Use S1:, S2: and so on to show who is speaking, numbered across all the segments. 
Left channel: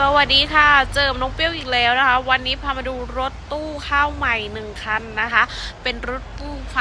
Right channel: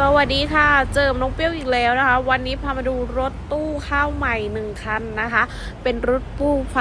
S1: สวัสดีค่ะ เจอน้องเปรี้ยวอีกแล้วนะคะ วันนี้พามาดูรถตู้ข้าวใหม่หนึ่งคันนะคะ เป็นรถตู้ไฟ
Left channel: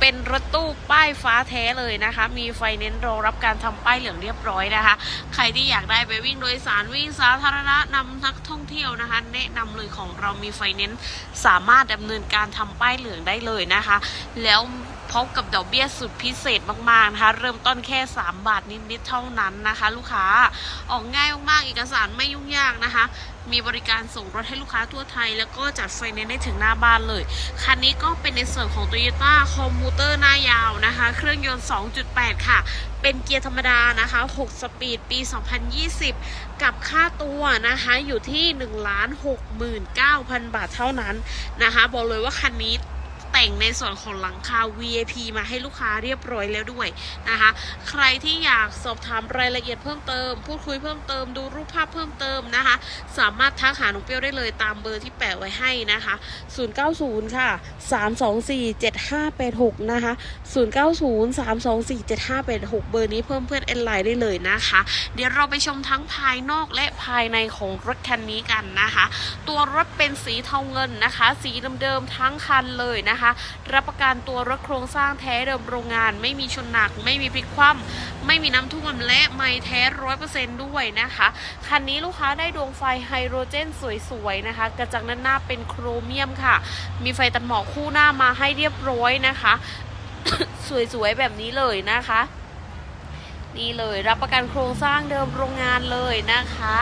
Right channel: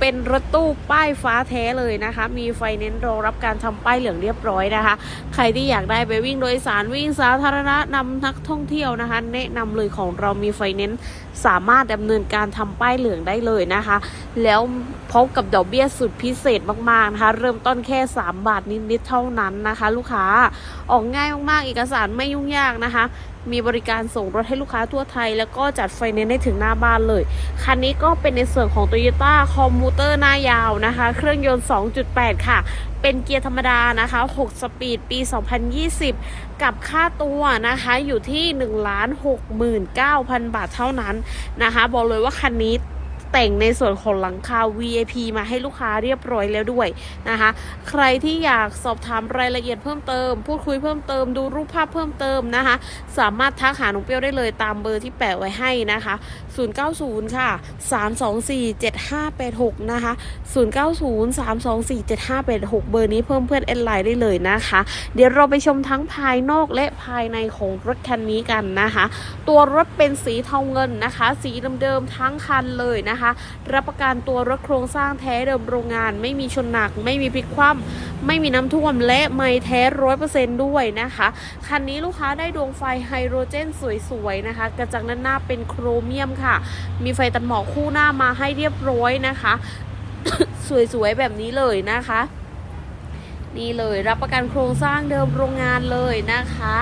S1: เป็นรถตู้ป้ายฟ้าแท้เลยนะคะ มีไฟเน้นรองรับการทำป้ายเหลืองเรียบร้อยนะคะ ใครที่อยากได้ไปวิ่งโดยสารวิ่งสาธารณะนำนักท่องเที่ยวนะคะ แนะนำเลยของเรามีไฟเน้นสามารถดำเนินการทำป้ายเหลืองได้เลยนะคะ แล้วพบกับดอกเบี้ยสุดพิเศษมากๆนะคะ เริ่มต้นแค่ 3 บาทนิดๆเท่านั้นนะคะ ลูกค้าออกง่ายมากๆเอกสารไม่ยุ่งยากนะคะ มีบริการส่งรถให้ลูกค้าทั่วไทย แล้วก็จัดไฟแนนซ์ได้ถึงหน้าบ้านเลย คันนี้ก็เป็นในส่วนของ Toyota c o m m u t e r หน้ายาวนะคะ เครื่องยนต์ 2.8 ค่ะ เป็นเกียร์ธรรมดานะคะ 6 สปีดปี 2020 กับค่าตัวนะคะอยู่ที่ 1 69,000 บาทเท่านั้นนะคะ บอกเลยว่าคันนี้ แต่งในส่วนของหลังคา VIP มาให้ลูกค้าเรียบร้อยแล้วด้วยนะคะ ใครที่อยากสอบถามรายละเอียดเพิ่มเติม พูดคุยเพิ่มเติมดูรูปภาพเพิ่มเติมนะคะ สามารถทักหาหนุ่มเปรี้ยวได้เลยตามเบอร์ที่แปะไว้ให้นะคะ 090 ค่ะ 324 7586 นะคะ 090 324 7586 เบอร์นี้เพิ่มเพื่อนแอดไลน์ได้เลยนะคะ เดี๋ยวเราไปชมทั้งภายนอกและภายในของรถคันนี้กันนะคะ ตัวรถเป็นสีเทาเงินนะคะ สีเดิมๆทั้งคันเลยนะคะรับประกันตัวรถโครงสร้างแท้เดิมโรงงาน ไม่มีชนหนัก ไม่มีพลิกคว่ำไม่มีน้ำท่วมและไม่แท้ร้อยเปอร์เซนต์ด้วยนะคะ คันนี้ลูกค้าได้ดวงไฟไฮโดรเจนสวยๆนะคะ กระจังด้านหน้าเป็นโครเมียมค่ะ มีไฟตัดหมอกคู่หน้ามาให้เรียบร้อยนะคะ สวยๆแบบนี้เลยนะคะ นี่เลยรับประกันโครงสร้างเดิมโรงงานเลยนะคะ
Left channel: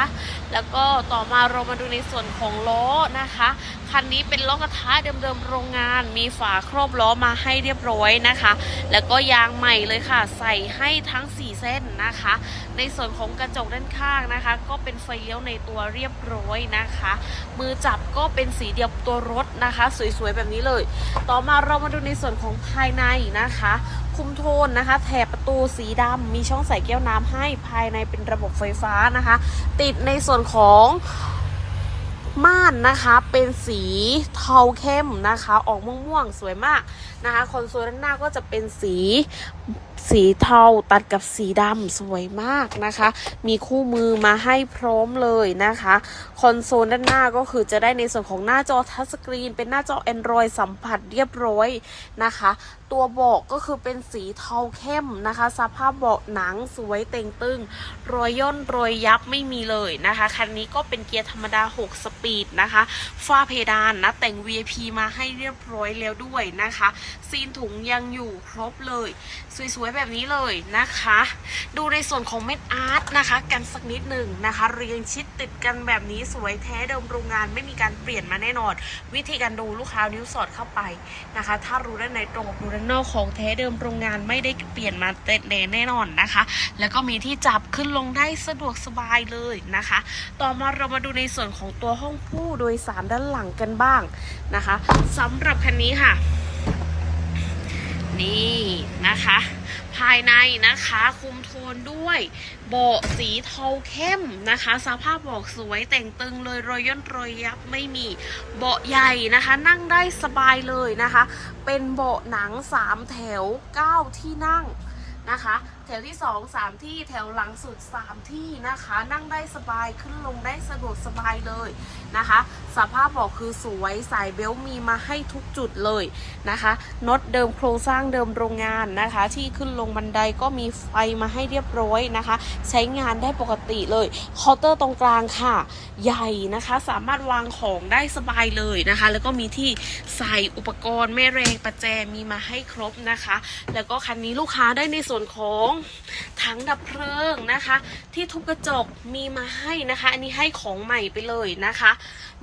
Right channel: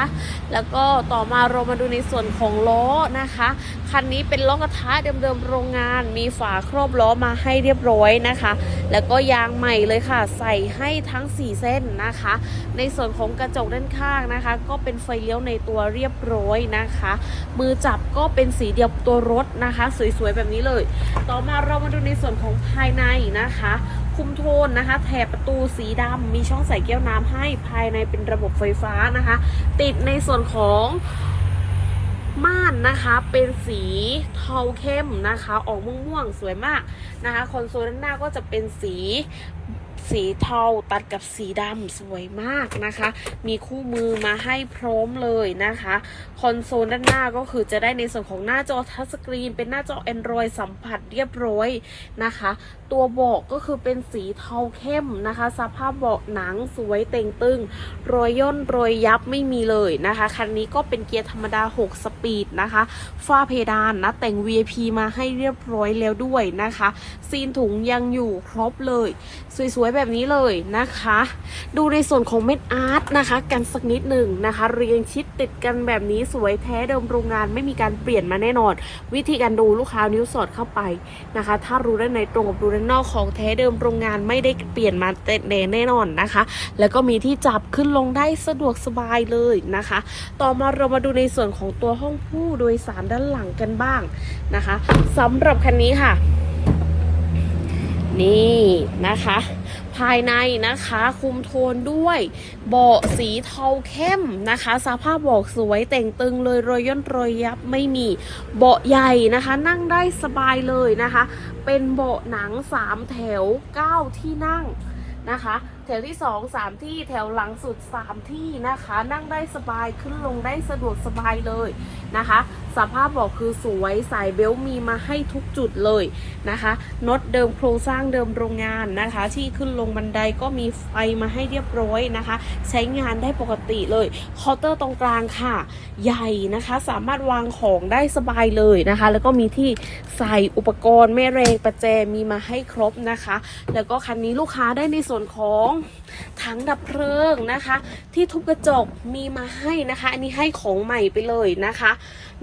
S1: แล้วก็ต่อมาเรามาดูในส่วนของล้อนะคะ คันนี้เป็นล้อกระทะเดิมๆโรงงาน มีฝาครอบล้อมาให้เรียบร้อยนะคะ แล้วก็ยางใหม่เลยค่ะ ใส่ให้ทั้ง 4 เส้นนะคะ ในส่วนของกระจกด้านข้างนะคะ ก็เป็นไฟเลี้ยวในตัวเรียบร้อยนะคะ มือจับก็เป็นสีเดียวตัวรถนะคะ สวยๆแบบนี้เลย ต่อมาเรามาดูในส่วนของภายในนะคะ คุมโทนนะคะ แถบประตูสีดำมีช่องใส่แก้วน้ำให้ภายในเป็นระบบไฟฟ้านะคะ ติดในส่วนของม่านนะคะเป็นสีเทาเข้มนะคะ ออกม่วงๆสวยมากนะคะคอนโซลด้านหน้าก็จะเป็นสีสีเทาตัดกับสีดำสวยมากนะคะ มีคู่มือมาให้พร้อมเลยนะคะ คอนโซลด้านหน้าก็คือจะได้ในส่วนของหน้าจอทัชสกรีน เป็นหน้าจอ Android สัมผัสเรียบร้อยนะคะ ตัวเบาะก็คือเป็นสีเทาเข้มนะคะ สภาพเบาะหนังสวยเต่งตึง รอยย่นรอยยับไม่มีเลยนะคะ คันนี้ก็เป็นเกียร์ธรรมดา 6 สปีดนะคะ ฝ้าเพดานนะแต่ง VIP มาให้เรียบร้อยแล้วด้วยนะคะ ซีนถุงยังอยู่ครบเลย สวยๆแบบนี้เลยนะคะ ดูในส่วนของเม็ดอาร์ตนะคะ กันสักนิดหนึ่งนะคะ เรียงชิดติดกันแบบนี้สวยแท้เดิมโรงงานไม่มีการเปลี่ยนมาแน่นอน วิธีการดูลูกค้านิ้วสอดเข้าไปนะคะ ถ้ารู้ด้านในตรงกับดูด้านนอกของแท้เดิมโรงงานไม่ได้เปลี่ยนมาเต็มแน่นอนนะคะ แล้วก็มีที่จับขึ้นลงได้สะดวกสบายเลยนะคะ ต่อมาเรามาดูในส่วนของตัวห้องผู้โดยสารด้านหลังกันบ้างนะคะสำหรับคันนี้ค่ะ นี่นะคะ ภายในนะคะคุมโทนด้วยเบาะสีเทาเข้มนะคะ สภาพเบาะสวยแต่งตึงเลยรอยย่นรอยยับไม่มีเบาะใหญ่นะคะ นั่งได้สบายเลยนะคะ เป็นเบาะหนัง 3 แถว 9 ที่นั่งนะคะ แถวที่2 3ที่แถวหลังสุด3ที่นะคะ นั่งได้สบายขึ้นลงได้สะดวกสบายเลยนะคะ สภาพเบอกคือสวยสายเบลต์มีมาให้ทุกจุดเลยนะคะน็อตเดิมโครงสร้างเดิมโรงงานนะคะ ที่ขึ้นลงบันไดก็มีไฟมาให้เรียบร้อยนะคะ ใช้งานได้ปกติเลยเคาน์เตอร์ตรงกลางค่ะ ใหญ่นะคะ สามารถวางของได้สบายเลยนะคะ แล้วก็มีที่ใส่อุปกรณ์แม่แรงประแจมีมาให้ครบนะคะ แล้วก็คันนี้ลูกค้าได้ในส่วนของถังดับเพลิงนะคะ ที่ทุบกระจกมีมาให้นะคะ อันนี้ให้ของใหม่ไปเลยนะคะ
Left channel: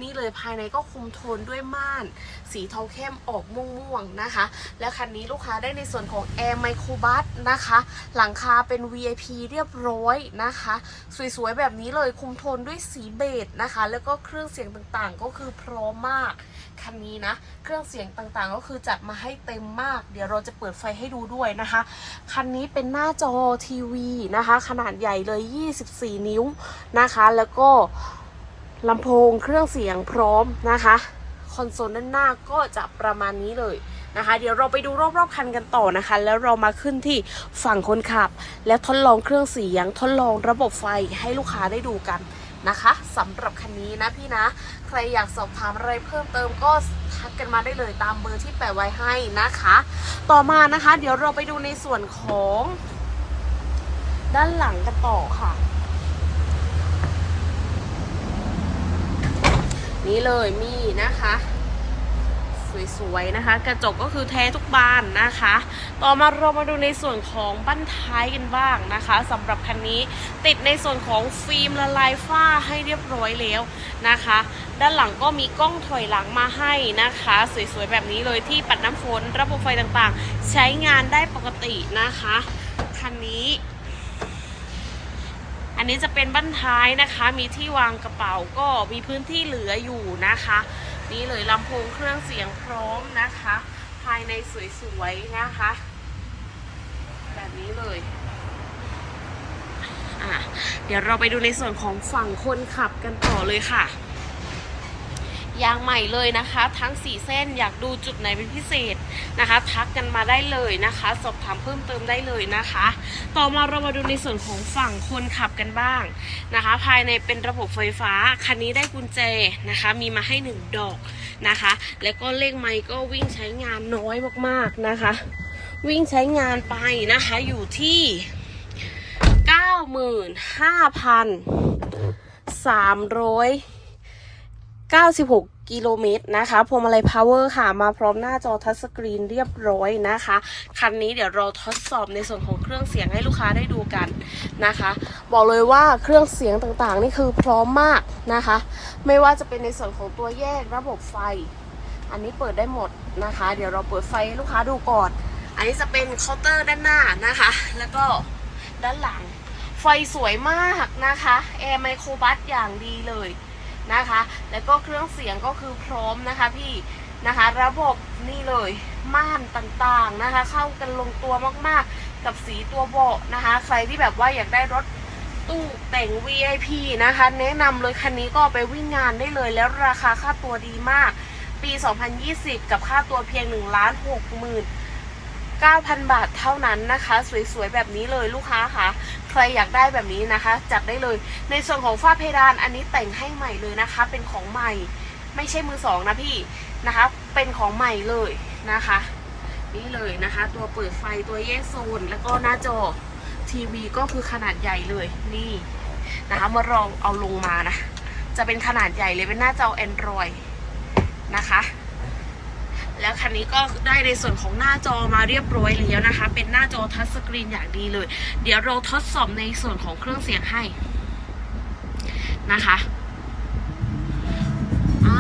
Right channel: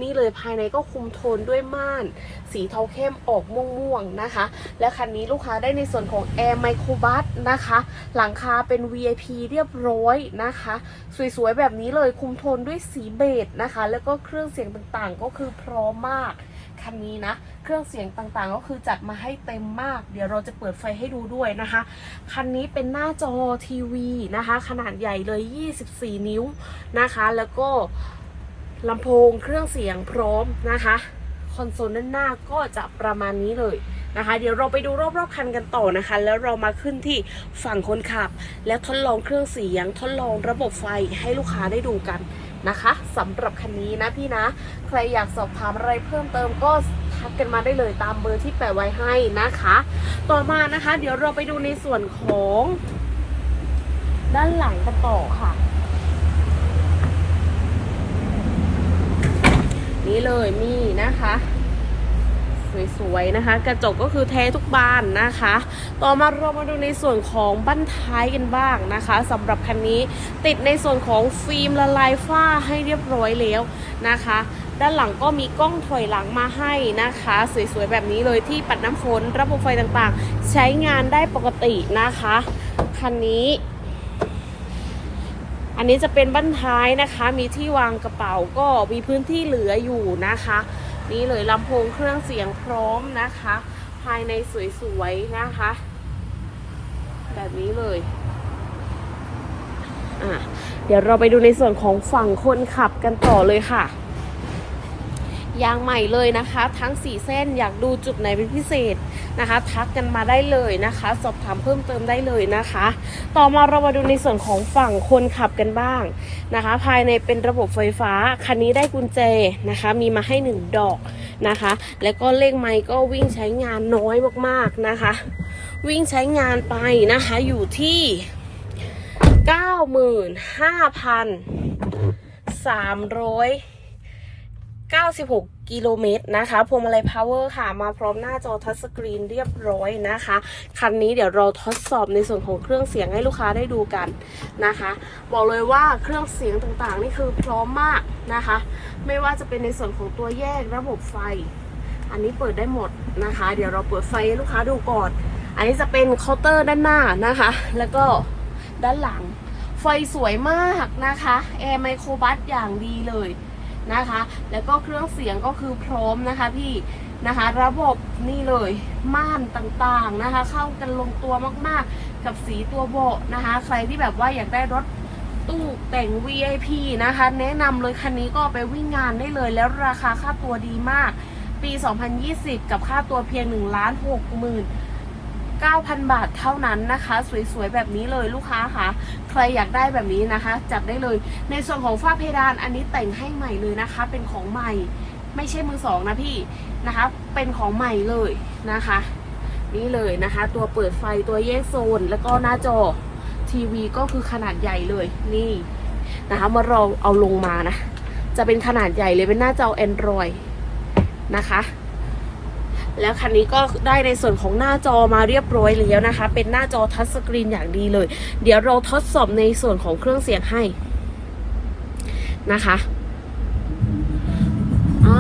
S1: นี่เลยภายในก็คุมโทนด้วยม่าน สีเทาเข้มออกม่วงๆนะคะ และคันนี้ลูกค้าได้ในส่วนของ Air Micro Bus นะคะ หลังคาเป็น VIP เรียบร้อยนะคะ สวยๆแบบนี้เลยคุมโทนด้วยสีเบจนะคะ แล้วก็เครื่องเสียงต่างๆก็คือพร้อมมากคันนี้นะ เครื่องเสียงต่างๆ ก็คือจัดมาให้เต็มมาก เดี๋ยวเราจะเปิดไฟให้ดูด้วยนะคะ คันนี้เป็นหน้าจอทีวีนะคะ ขนาดใหญ่เลย 24 นิ้วนะคะ แล้วก็ลำโพงเครื่องเสียงพร้อมนะคะคอนโซลด้านหน้าก็จะประมาณนี้เลยนะคะ เดี๋ยวเราไปดูรอบๆคันกันต่อนะคะ แล้วเรามาขึ้นที่ฝั่งคนขับ และทดลองเครื่องเสียงทดลองระบบไฟให้ลูกค้าได้ดูกัน นะคะสำหรับคันนี้นะพี่นะ ใครอยากสอบถามอะไรเพิ่มเติมก็ทักกันมาได้เลยตามเบอร์ที่แปะไว้ให้นะคะ ต่อมานะคะ เดี๋ยวเราไปดูในส่วนของ ด้านหลังกันต่อค่ะนี่เลยมีนะคะ สวยๆนะคะ กระจกก็คือแท้ทุกบานนะคะ ต่อมาเรามาดูในส่วนของบั้นท้ายกันบ้างนะคะสำหรับคันนี้ติดในส่วนของฟิล์มละลายฝ้าให้เรียบร้อยแล้วนะคะ ด้านหลังก็มีกล้องถอยหลังมาให้นะคะ สวยๆแบบนี้เลยที่ปัดน้ำฝนระบบไฟต่างๆ ใช้งานได้ปกตินะคะ คันนี้อันนี้จะเป็นบั้นท้ายนะคะ มีที่วางกระเป๋าก็มีพื้นที่เหลืออยู่นะคะ นี่เลยลำโพงเครื่องเสียงพร้อมนะคะ ภายในสวยๆนะคะ แบบนี้เลยอะเดี๋ยวเราไปดูในส่วนของฝั่งคนขับกันต่อเลยค่ะ ยางใหม่เลยนะคะ ทั้ง 4 เส้นอยากดูจุดไหนเป็นพิเศษนะคะ ทักกันมาได้เลยนะคะ สอบถามเพิ่มเติมได้เลยนะคะ ต่อมาเรามาดูในส่วนของฝั่งคนขับกันบ้างนะคะ ภายในเป็นระบบไฟฟ้าคันนี้ได้กุญแจนะคะ มีมาให้ 1 ดอกนะคะ แล้วก็เลขไมค์ก็วิ่งใช้งานน้อยมากๆนะคะ วิ่งใช้งานไปนะคะอยู่ที่ 96 กิโลเมตรนะคะพวงมาลัยพาวเวอร์ค่ะ มาพร้อมหน้าจอทัชสกรีนเรียบร้อยนะคะ คันนี้เดี๋ยวเราทดสอบในส่วนของเครื่องเสียงให้ลูกค้าได้ดูกันนะคะ บอกเลยว่าเครื่องเสียงต่างๆ นี่คือพร้อมมากนะคะ ไม่ว่าจะเป็นในส่วนของตัวแยกระบบไฟ อันนี้เปิดได้หมดนะคะ เดี๋ยวเราเปิดไฟให้ลูกค้าดูก่อน อันนี้จะเป็นเคาน์เตอร์ด้านหน้านะคะ แล้วก็ด้านหลัง ไฟสวยมากนะคะแอร์ไมโครบัสอย่างดีเลย นะคะ แล้วก็เครื่องเสียงก็คือพร้อมนะคะพี่นะคะ ระบบนี่เลยม่านต่างๆนะคะ เข้ากันลงตัวมากๆ กับสีตัวเบาะนะคะ ใครที่แบบว่าอยากได้รถตู้แต่ง VIP นะคะ แนะนำเลยคันนี้ก็ไปวิ่งงานได้เลยแล้วราคาค่าตัวดีมาก ปี 2020 กับค่าตัวเพียง1ล้าน6หมื่น 9,000 บาทเท่านั้นนะคะ สวยๆแบบนี้เลยลูกค้าค่ะ ใครอยากได้แบบนี้นะคะ จัดได้เลย ในส่วนของฝ้าเพดานอันนี้แต่งให้ใหม่เลยนะคะ เป็นของใหม่ ไม่ใช่มือสองนะพี่นะคะ เป็นของใหม่เลยนะคะ นี่เลยนะคะ ตัวเปิดไฟตัวแยกโซน แล้วก็หน้าจอทีวีก็คือขนาดใหญ่เลยนี่นะคะเมื่อเราเอาลงมานะ จะเป็นขนาดใหญ่เลยเป็นหน้าจอ Android นะคะ แล้วคันนี้ก็ได้ในส่วนของหน้าจอมาเรียบร้อยแล้วนะคะ เป็นหน้าจอทัชสกรีนอย่างดีเลย เดี๋ยวเราทดสอบในส่วนของเครื่องเสียงให้นะคะอ่า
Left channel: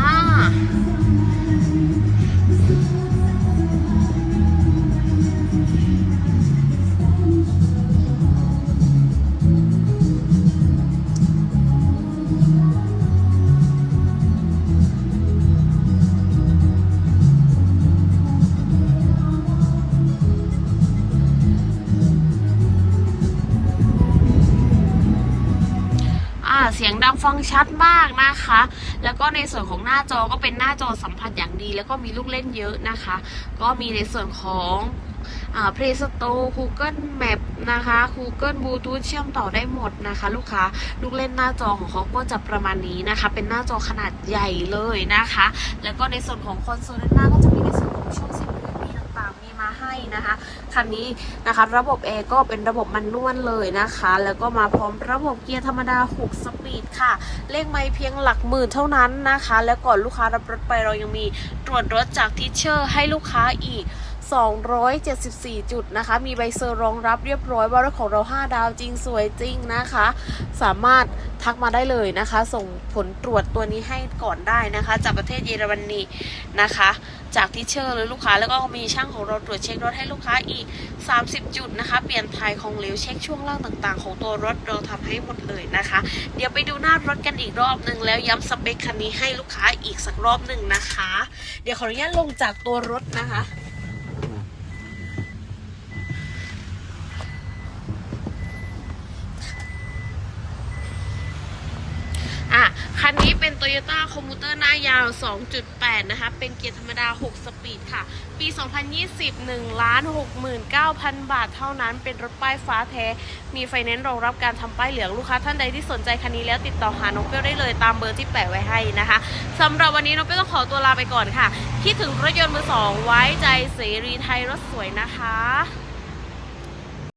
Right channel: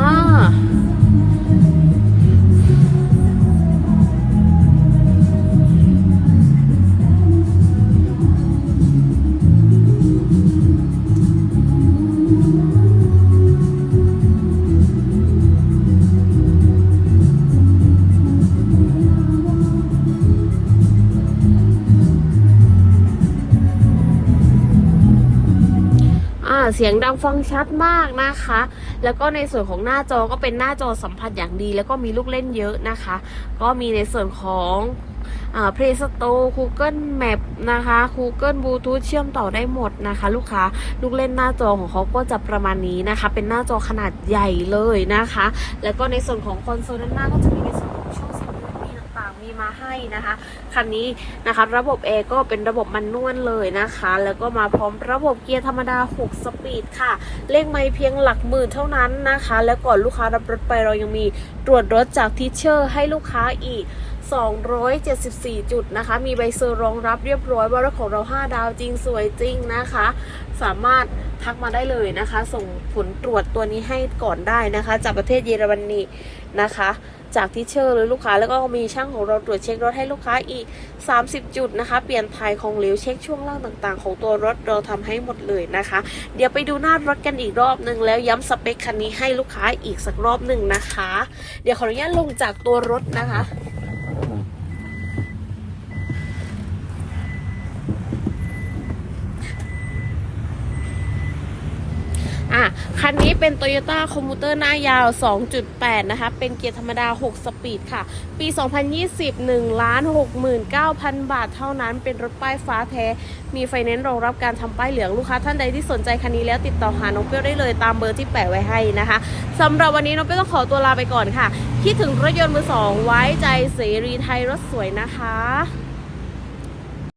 S1: เสียงดังฟังชัดมากนะคะ แล้วก็ในส่วนของหน้าจอก็เป็นหน้าจอสัมผัสอย่างดี แล้วก็มีลูกเล่นเยอะนะคะ ก็มีในส่วนของอ่า Play Store Google Map นะคะ Google Bluetooth เชื่อมต่อได้หมดนะคะ ลูกค้าลูกเล่นหน้าจอของเขาก็จะประมาณนี้นะคะ เป็นหน้าจอขนาดใหญ่เลยนะคะ แล้วก็ในส่วนของคอนโซลด้านหน้าก็จะมีในส่วนของช่อง มีมาให้นะคะ คันนี้นะคะระบบแอร์ก็เป็นระบบมันนวลเลยนะคะ แล้วก็มาพร้อมระบบเกียร์ธรรมดา 6 สปีดค่ะ เลขไม่เพียงหลักหมื่นเท่านั้นนะคะ แล้วก่อนลูกค้ารับรถไปเรายังมีตรวจรถจากทิเชอร์ให้ลูกค้าอีก 274 จุดนะคะ มีใบเซอร์รองรับเรียบร้อยว่ารถของเรา 5 ดาวจริงสวยจริงนะคะ สามารถทักมาได้เลยนะคะ ส่งผลตรวจตัวนี้ให้ก่อนได้นะคะ จากประเทศเยอรมนนีนะคะ จากที่เชอร์เลยลูกค้าแล้วก็มีช่างของเราตรวจเช็ครถให้ลูกค้าอีก 30 จุดนะคะ เปลี่ยนถ่ายของเหลวเช็คช่วงล่างต่างๆ ของตัวรถเราทำให้หมดเลยนะคะ เดี๋ยวไปดูหน้ารถกันอีกรอบหนึ่งแล้วย้ำสเปคคันนี้ให้ลูกค้าอีกสักรอบหนึ่งนะคะ เดี๋ยวขออนุญาตลงจากตัวรถนะคะ อะ คันนี้เป็น Toyota Commuter หน้ายาว 2.8 นะคะ เป็นเกียร์ธรรมดา 6 สปีดค่ะ ปี 2020 1ล้าน69,000 บาทเท่านั้น เป็นรถป้ายฟ้าแท้ มีไฟแนนซ์รองรับการทำป้ายเหลือง ลูกค้าท่านใดที่สนใจคันนี้แล้วติดต่อหาน้องเปี้ยวได้เลยตามเบอร์ที่แปะไว้ให้นะคะสำหรับวันนี้น้องเปี้ยวต้องขอตัวลาไปก่อนค่ะ คิดถึงรถยนต์มือสองไว้ใจเสรีไทยรถสวยนะคะ